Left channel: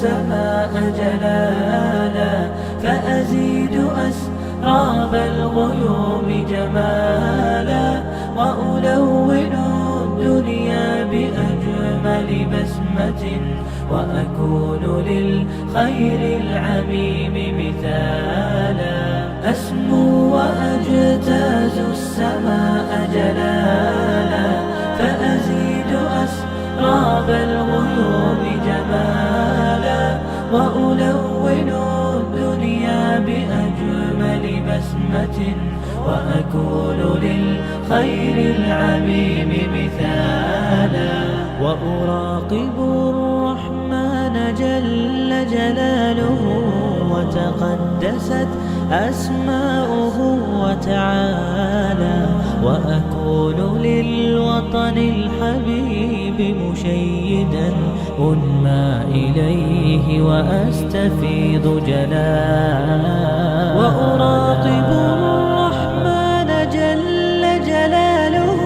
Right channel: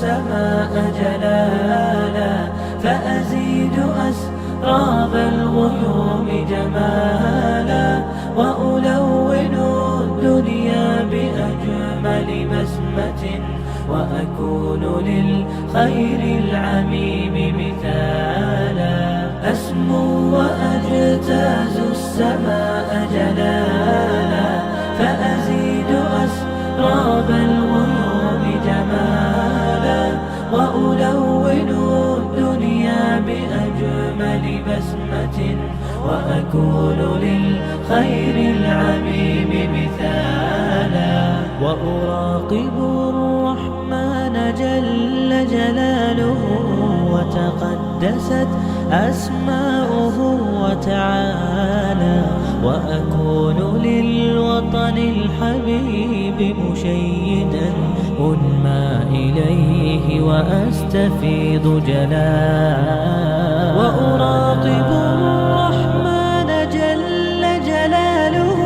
السماء جلالا، فأزيد أسراب الغيوم جمالا، وألون الدنيا بأجمل بسمة، وأكون للخير العميم مثالا. أسمو وأجتاز السماء جلالا، فأزيد أسراب الغيوم جمالا، وألون الدنيا بأجمل بسمة، وأكون للخير العميم مثالا. وأراقب الرحمن جل جلاله، وتقدست أسماؤه وتعالى، وأكون للوطن الحبيب مشيدا أنمى إليه وأستفيض جلالا. وأراقب الرحمن جل جلاله،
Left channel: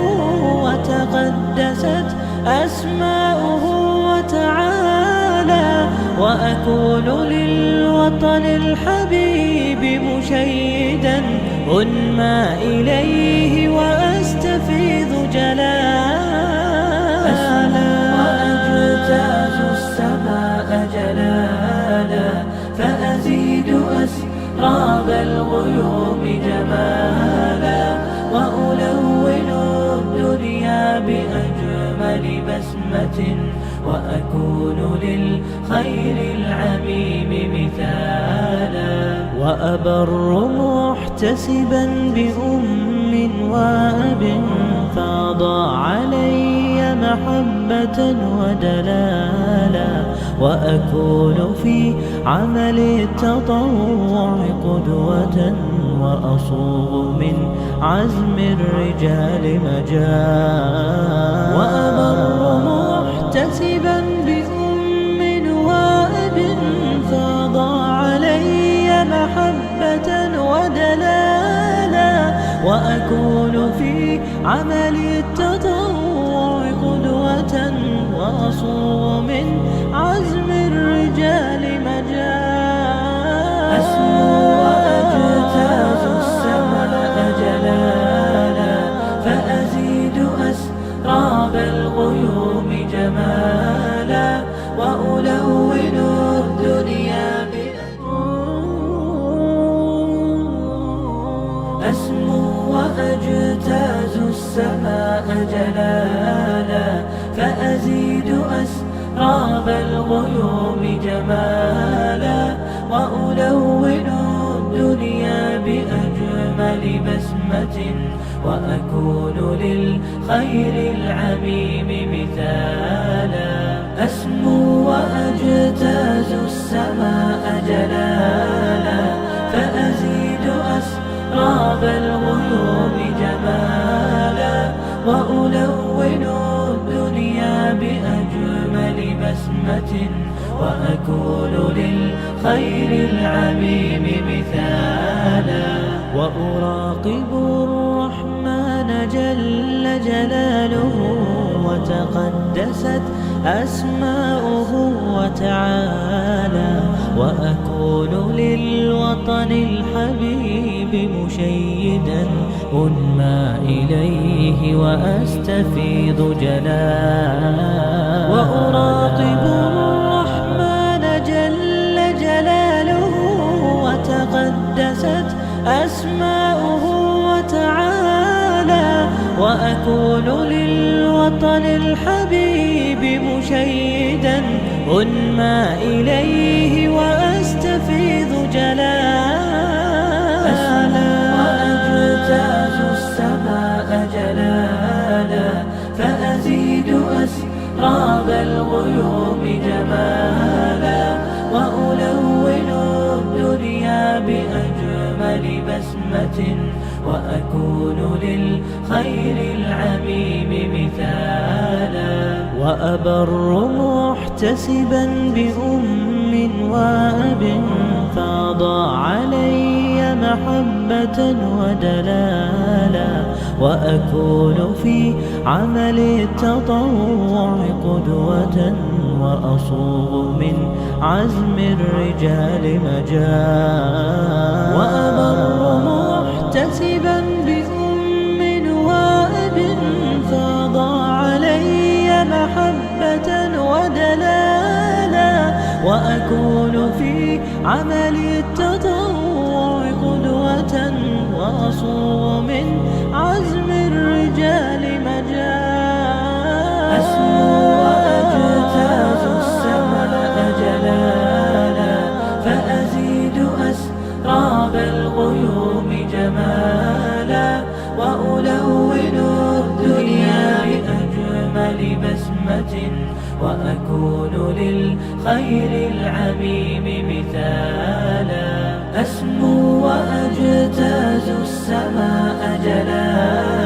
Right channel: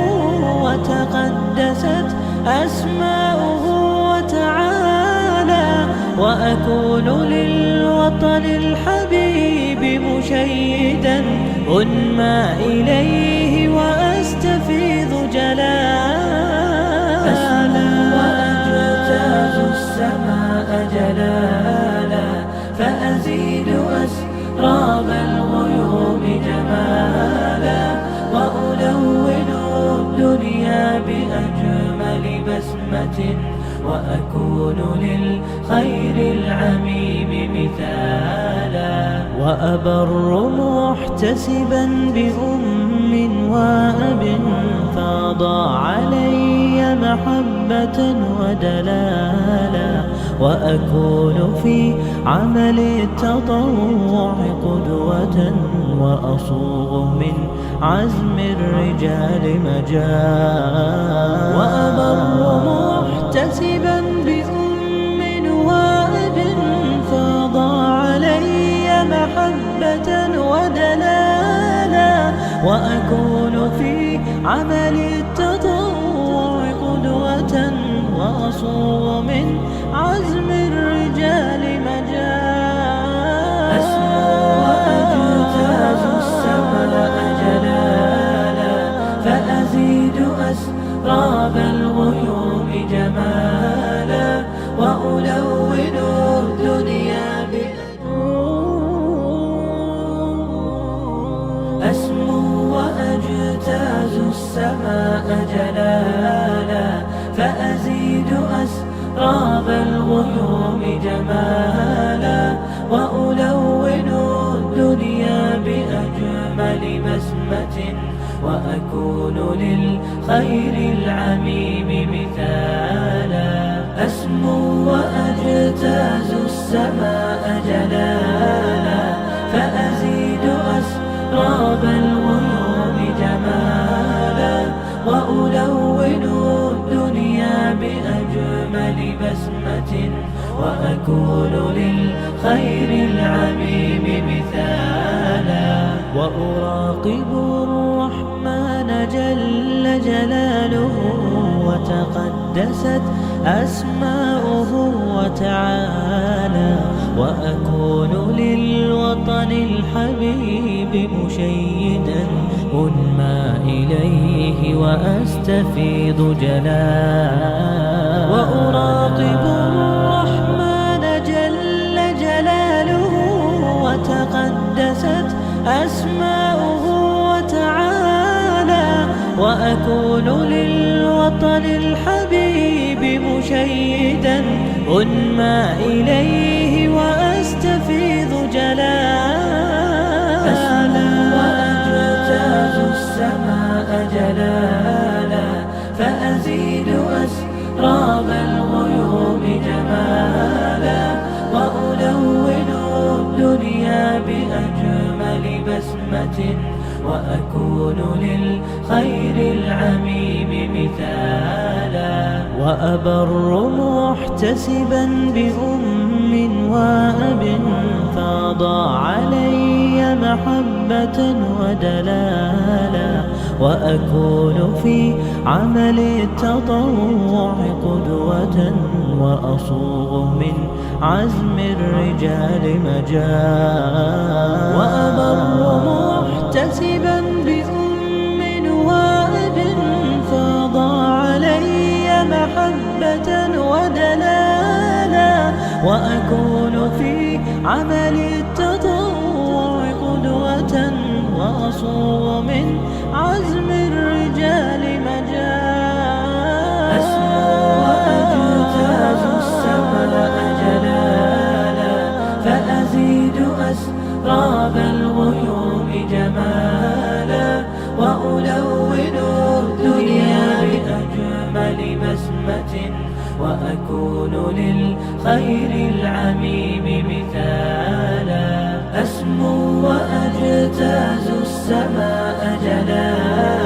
وتقدست أسماؤه وتعالى، وأكون للوطن الحبيب مشيدا أنمى إليه وأستفيض جلالا. وأجتاز السماء جلالا، فأزيد أسراب الغيوم جمالا، وألون الدنيا بأجمل بسمة، وأكون للخير العميم مثالا. وأبر محتسبا بأم وأب، فاض علي محبة ودلالا، وأكون في عمل التطوع قدوة، وأصوغ من عزم الرجال مجالا. وأبر محتسبا بأم وأب، فاض علي محبة ودلالا، وأكون في عمل التطوع قدوة، وأصوغ من عزم الرجال مجالا. أسمو وأجتاز السماء جلالا، فأزيد أسراب الغيوم جمالا، وألون الدنيا أسمو وأجتاز السماء جلالا، فأزيد أسراب الغيوم جمالا، وألون الدنيا بأجمل بسمة، وأكون للخير العميم مثالا. أسمو وأجتاز السماء جلالا، فأزيد أسراب الغيوم جمالا، وألون الدنيا بأجمل بسمة، وأكون للخير العميم مثالا. وأراقب الرحمن جل جلاله، وتقدست أسماؤه وتعالى، وأكون للوطن الحبيب مشيدا أنمى إليه وأستفيض جلالا. وأراقب الرحمن جل جلاله، وتقدست أسماؤه وتعالى، وأكون للوطن الحبيب مشيدا أنمى إليه وأستفيض جلالا. وأجتاز السماء جلالا، فأزيد أسراب الغيوم جمالا، وألون الدنيا بأجمل بسمة، وأكون للخير العميم مثالا. وأبر محتسبا بأم وأب، فاض علي محبة ودلالا، وأكون في عمل التطوع قدوة وأصوغ من عزم الرجال مجال وأبر محتسبا بأم وأب فاض علي محبة ودلالا وأكون في عمل التطوع قدوة وأصوغ من عزم الرجال مجال أسمو وأجتاز السماء جلالا فأزيد أسراب الغيوم جمالا وألون الدنيا بأجمل بسمة وأكون للخير العميم مثالا أسمو وأجتاز السماء جلالا